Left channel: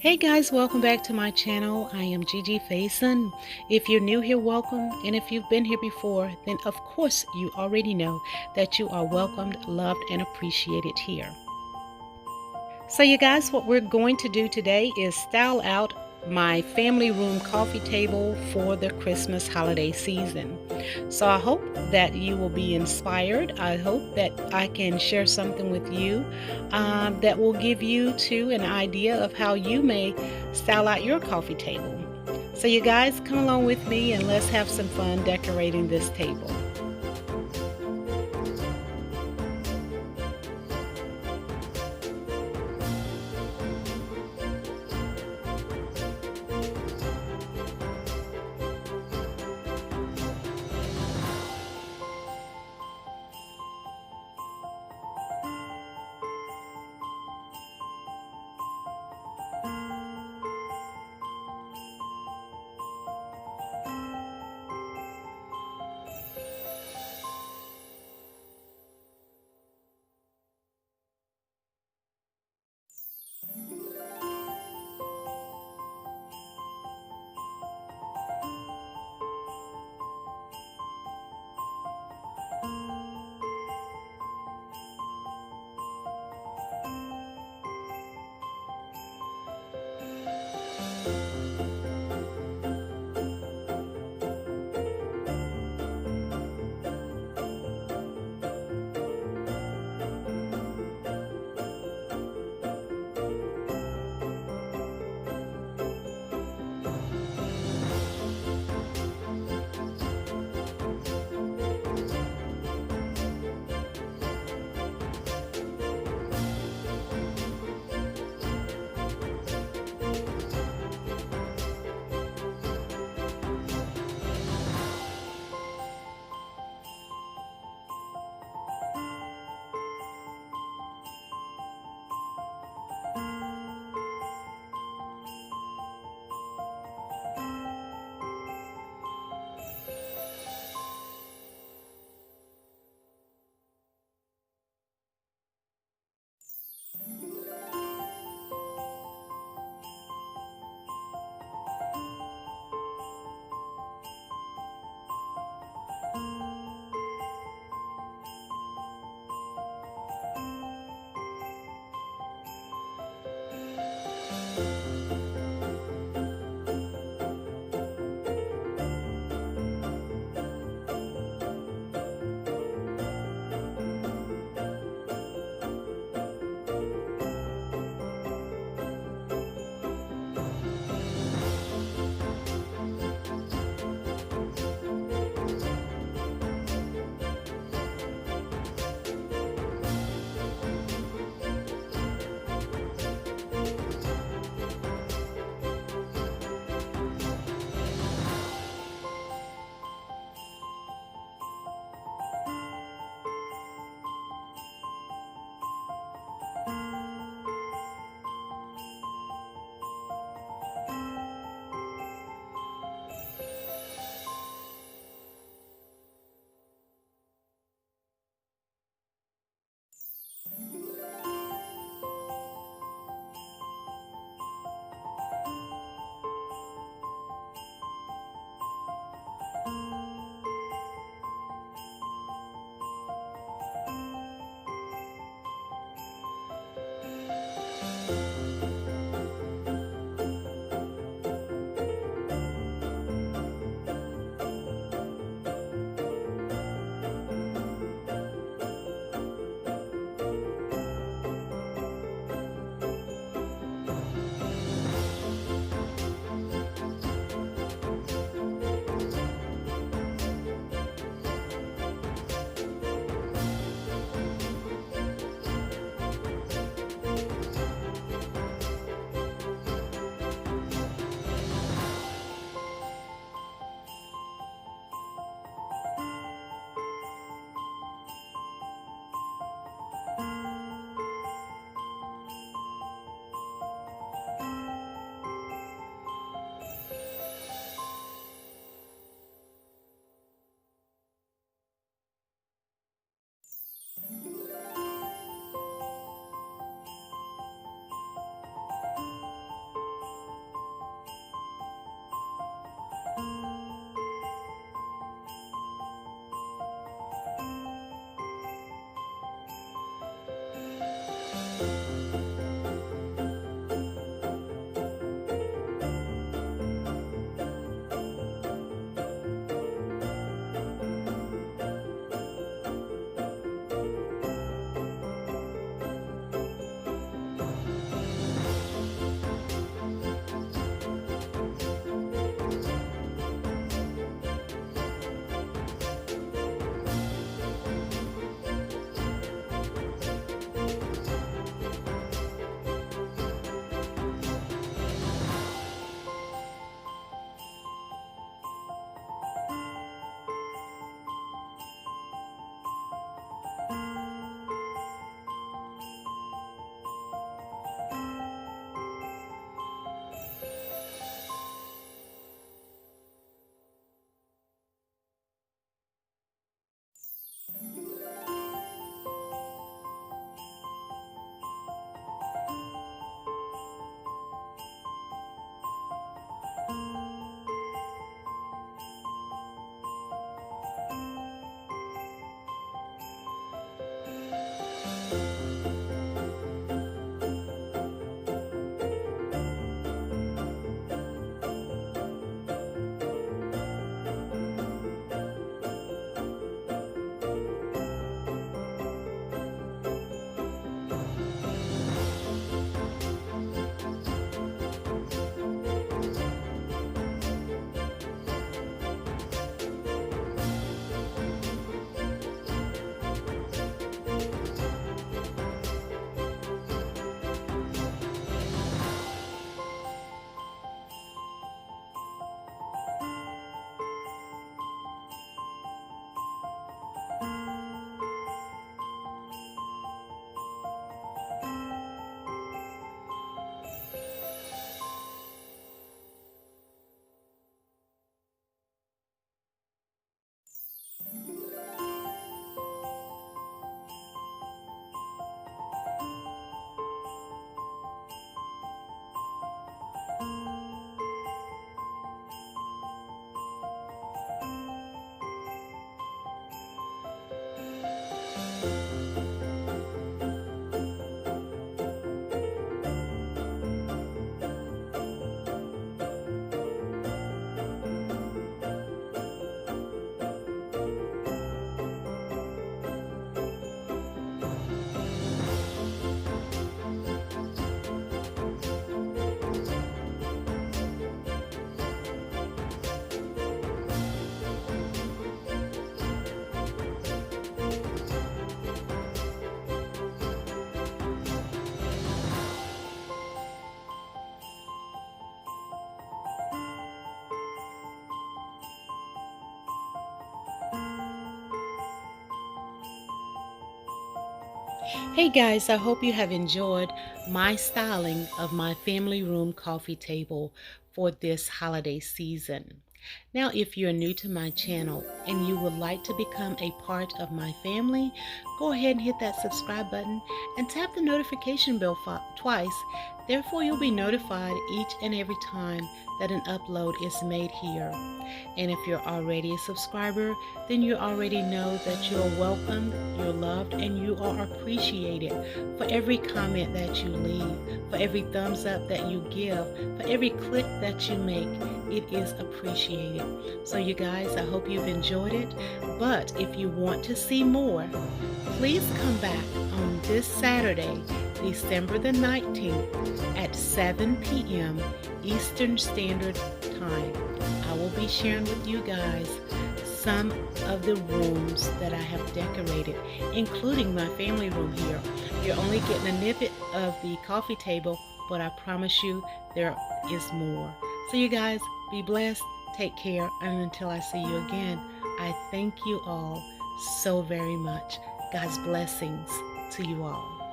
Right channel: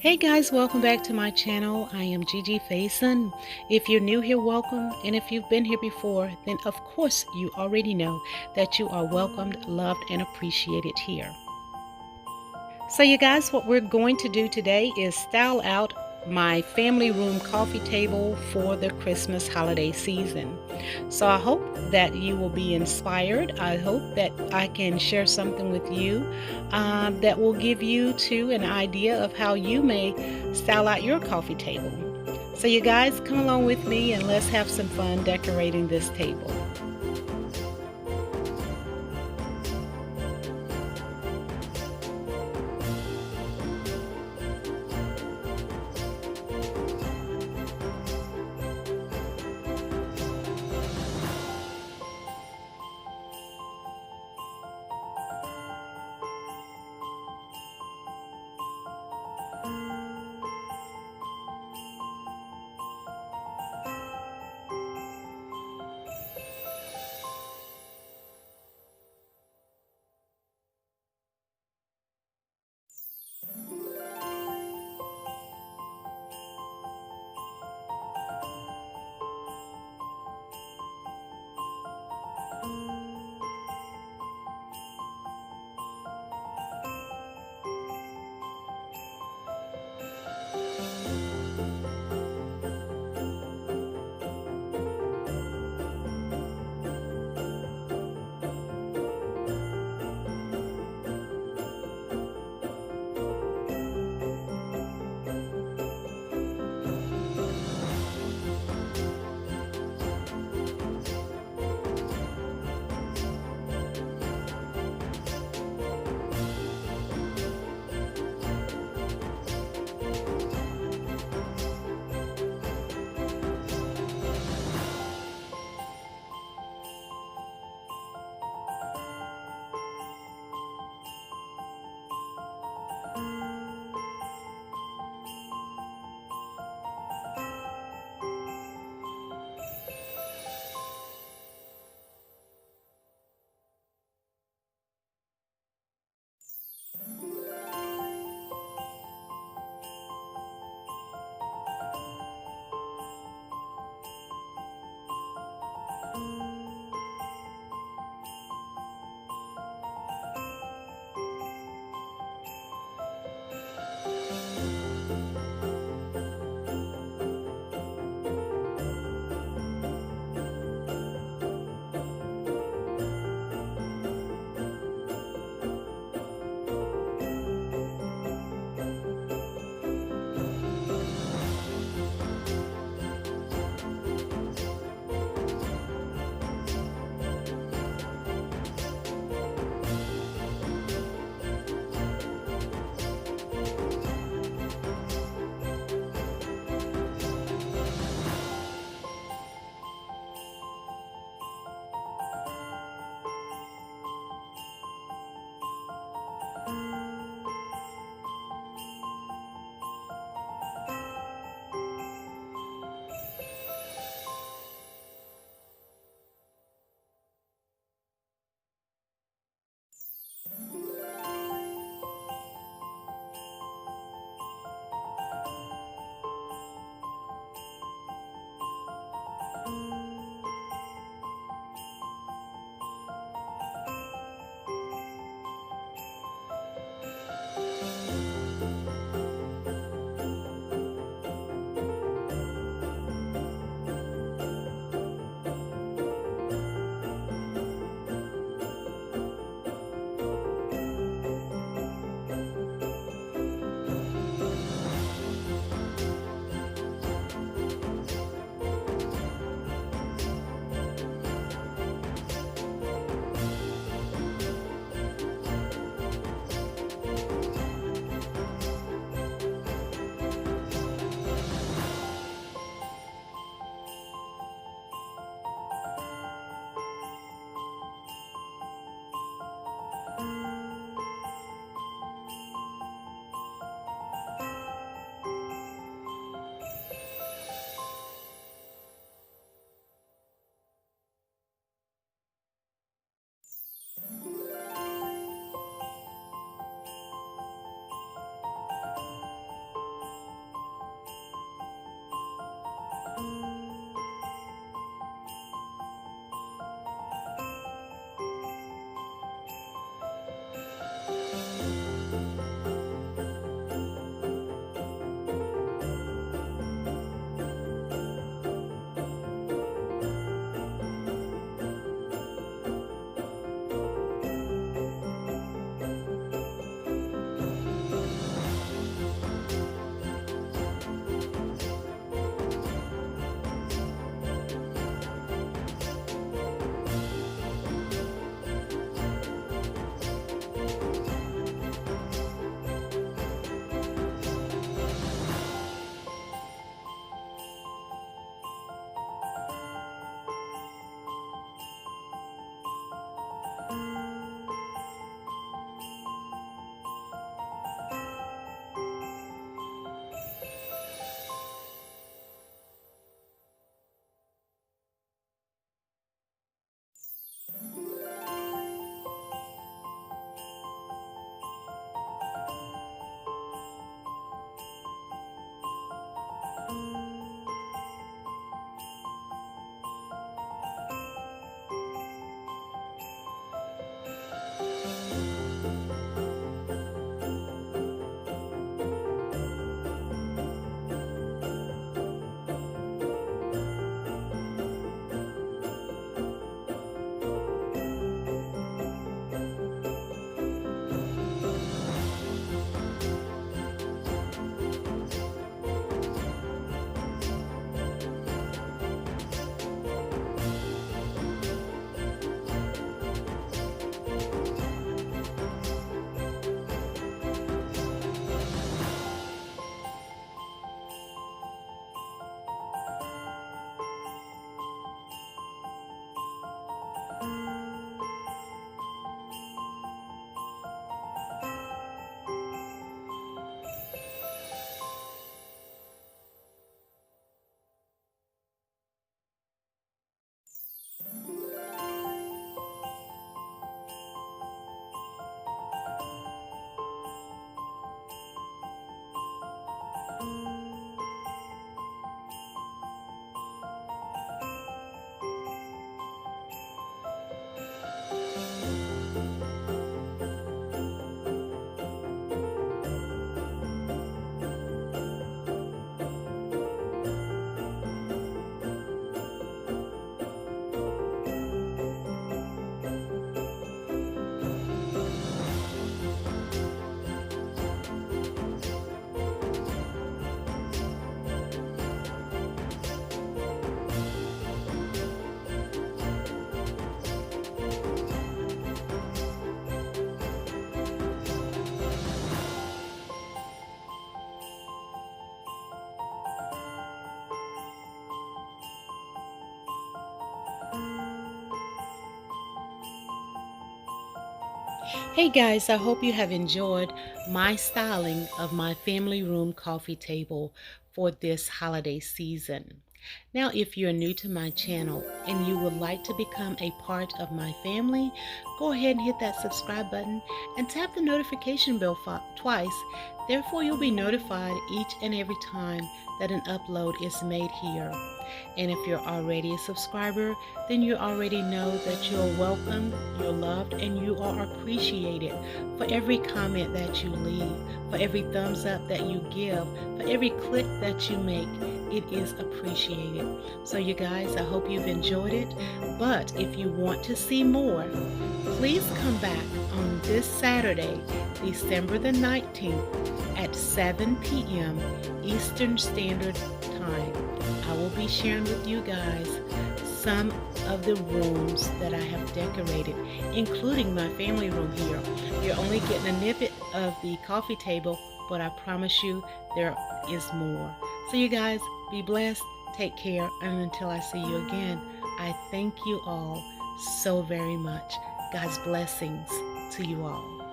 Hey guys, welcome back to my channel. I am Gigi Faison. If you're new here, welcome. And if you've been here before, then of course you already know that you are welcomed, loved, and appreciated here. So you guys, what we're going to do today is style out my family room coffee table for the Christmas holiday season. So I hope that you will be inspired. I hope that I can share something with you that will give you too an idea of how you may style out your coffee table. So you guys, come along with me and let's have some fun decorating this table. Hey guys, I hope you have enjoyed my styling of my family room coffee table for this holiday season. Now, if you're new to my channel and you would like to become a part of my family, go ahead and hit that subscribe button and tap the notification bell twice. Therefore, you'll be notified each and every time that an upload is made here. And if you're already a subscriber, then you already know that you're welcomed, you're loved, and you are appreciated for every comment that you leave, for every thumbs up that you give, for every click that you make. It is appreciated. So you guys, I hope you've enjoyed it. But if you want to see more, please come back on this Saturday, December the 19th at 7 p.m. Eastern Standard Time. I will be sharing with you guys some of the rooms that I have decorated, including my family room here. You're only getting a snippet of the coffee table, but I promise you there is more. So you guys, be blessed, take care, and until I see you again, I thank you all so very much. God's blessings to you all.